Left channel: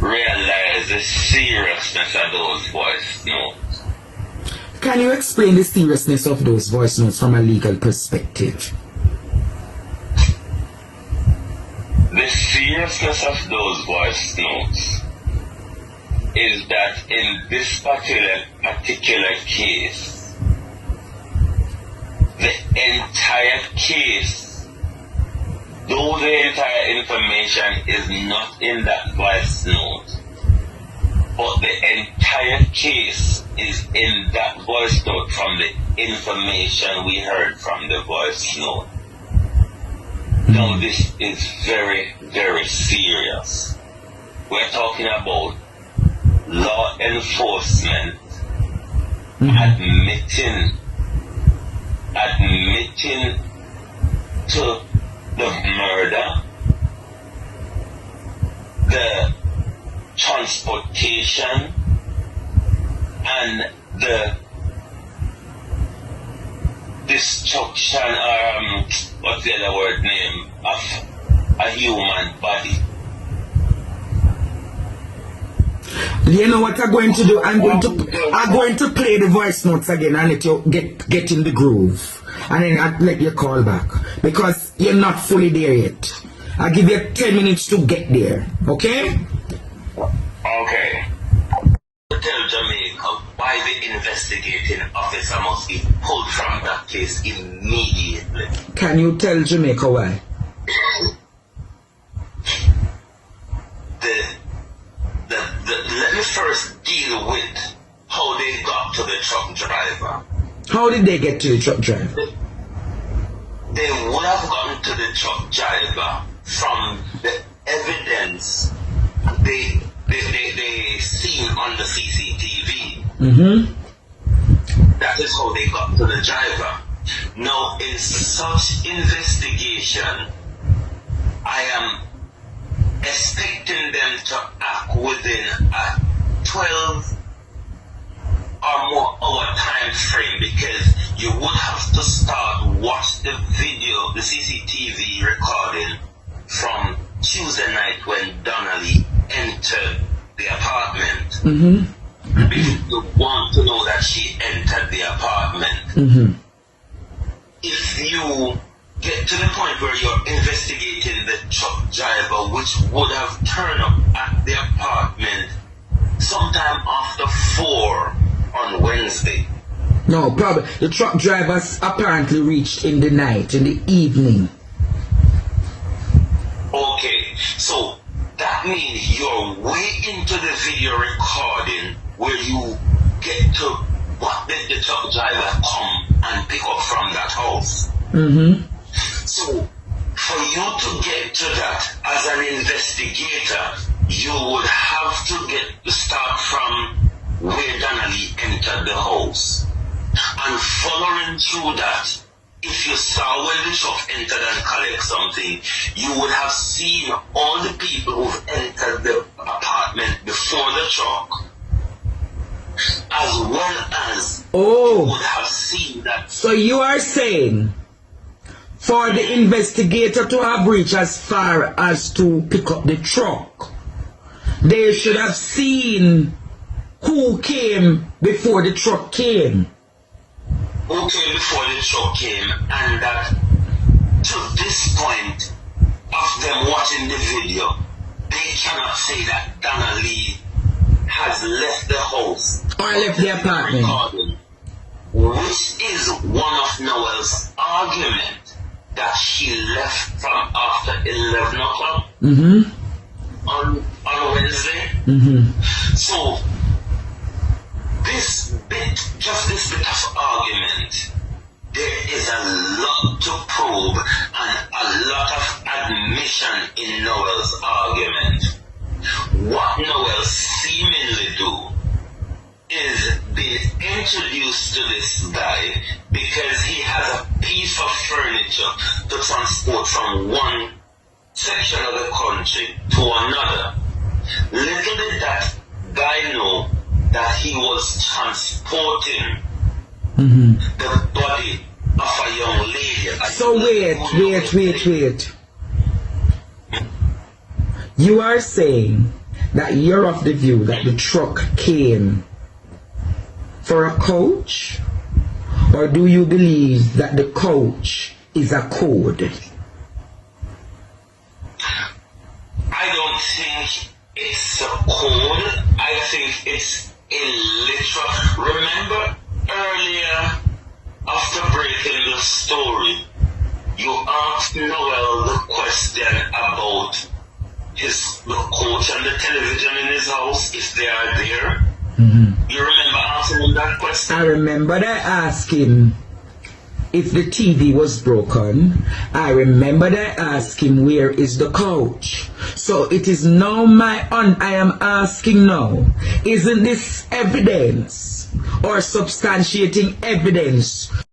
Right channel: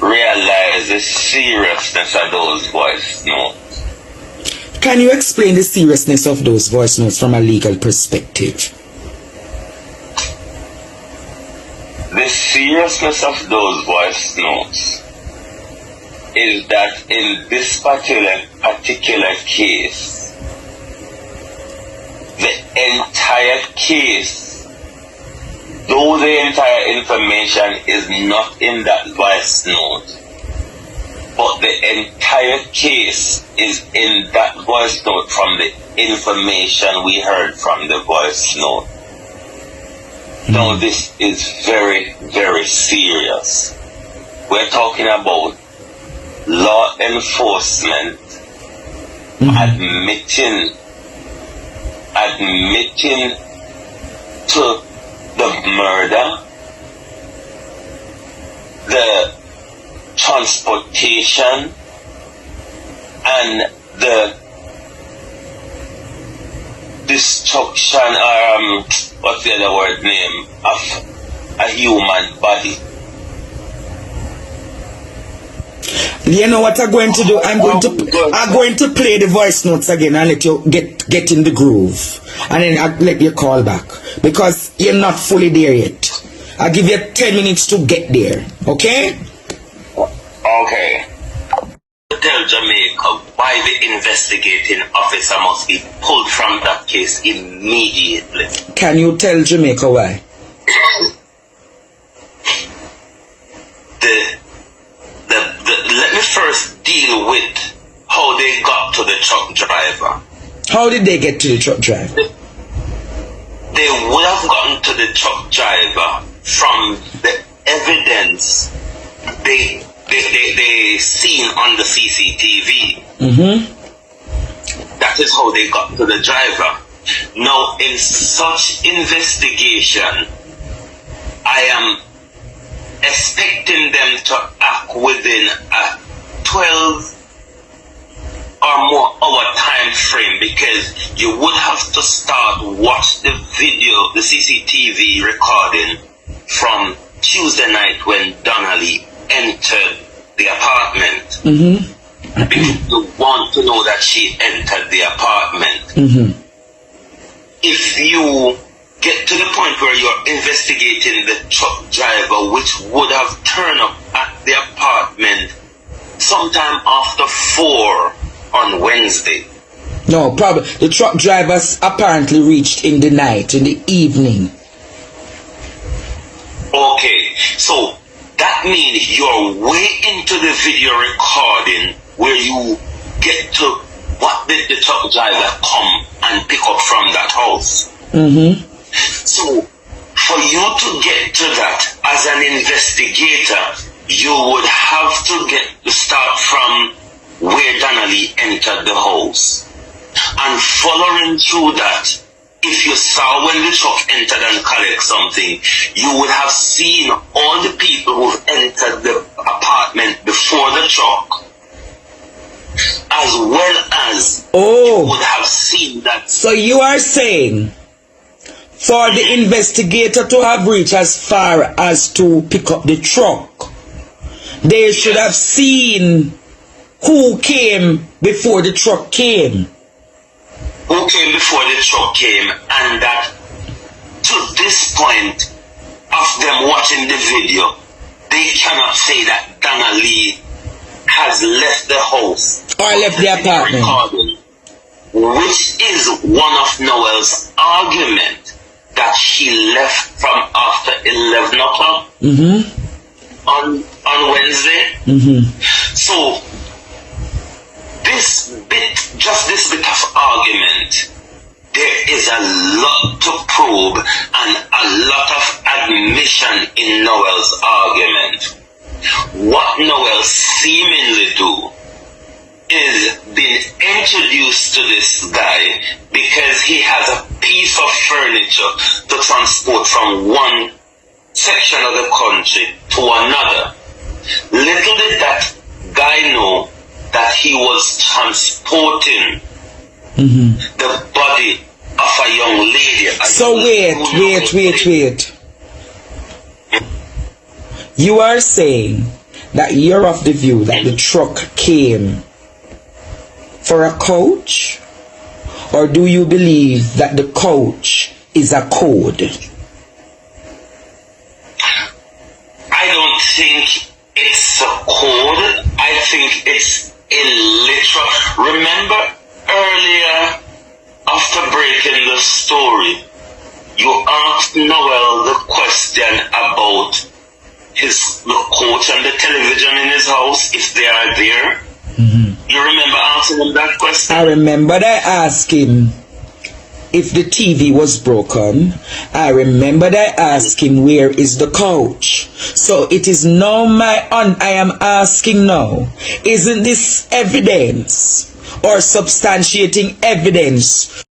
realize the seriousness of those voice notes. Can you explain the seriousness of those voice notes from a legal perspective? The seriousness of those voice notes is that in this particular case, the entire case, though the entire information is not in that voice note, but the entire case is in that voice note from the information we heard from the voice note. Now this is very, very serious. We're talking about law enforcement admitting to the murder, the transportation, and the destruction, what's the other word name, of a human body. You know what I'm going to do? I'm going to play the voice notes again and let you get in the groove, and then I'll let you call back because you're not fully there yet. I'll give you 10 minutes to get there. Okay? Okay. Tell Jamaica why the investigating officer must be pulled from that case immediately. Can you tell Jamaica why? Let me first deal with how they got to the truck driver. How did they get to the truck driver? They would have gotten to the truck driver from the evidence they seen on the CCTV. That is how they got to the driver. Now, in such investigation, I am expecting them to act within a 12 or more hour time frame, because you would have to watch the video, the CCTV recording from Tuesday night when Donnalee entered the apartment. Because you want to know that she entered the apartment. If you get to the point where you're investigating the truck driver, which would have turned up at the apartment sometime after 4 on Wednesday. No, probably the truck drivers apparently reached in the night, in the evening. Okay, so that means you're way into the video recording where you get to what did the truck driver come and pick up from that house. So for you to get to that as an investigator, you would have to start from where Donnalee entered the house. And following through that, if you saw when the truck entered and collect something, you would have seen all the people who've entered the apartment before the truck, as well as you would have seen that. So you are saying for the investigator to have reached as far as to pick up the truck, they should have seen who came before the truck came. Who came before the truck came, and that to this point of them watching the video, they cannot say that Donnalee has left the house or left the apartment, which is one of Noel's argument, that she left from after 11 o'clock on Wednesday. So this bit of argument, there is a lot to probe and a lot of admission in Noel's argument. What Noel seemingly do is being introduced to this guy because he has a piece of furniture to transport from one section of the country to another. Little did that guy know that he was transporting the body of a young lady. So wait. You are saying that you're of the view that the truck came for a coach? Or do you believe that the coach is a code? I don't think it's a code. I think it's a literal. Remember earlier, after breaking the story, you asked Noel the question about the coach and the television in his house, if they are there. You remember asking him that question? I remembered I asked him if the TV was broken. I remembered I asked him where is the coach. So it is now I am asking now, isn't this evidence or substantiating evidence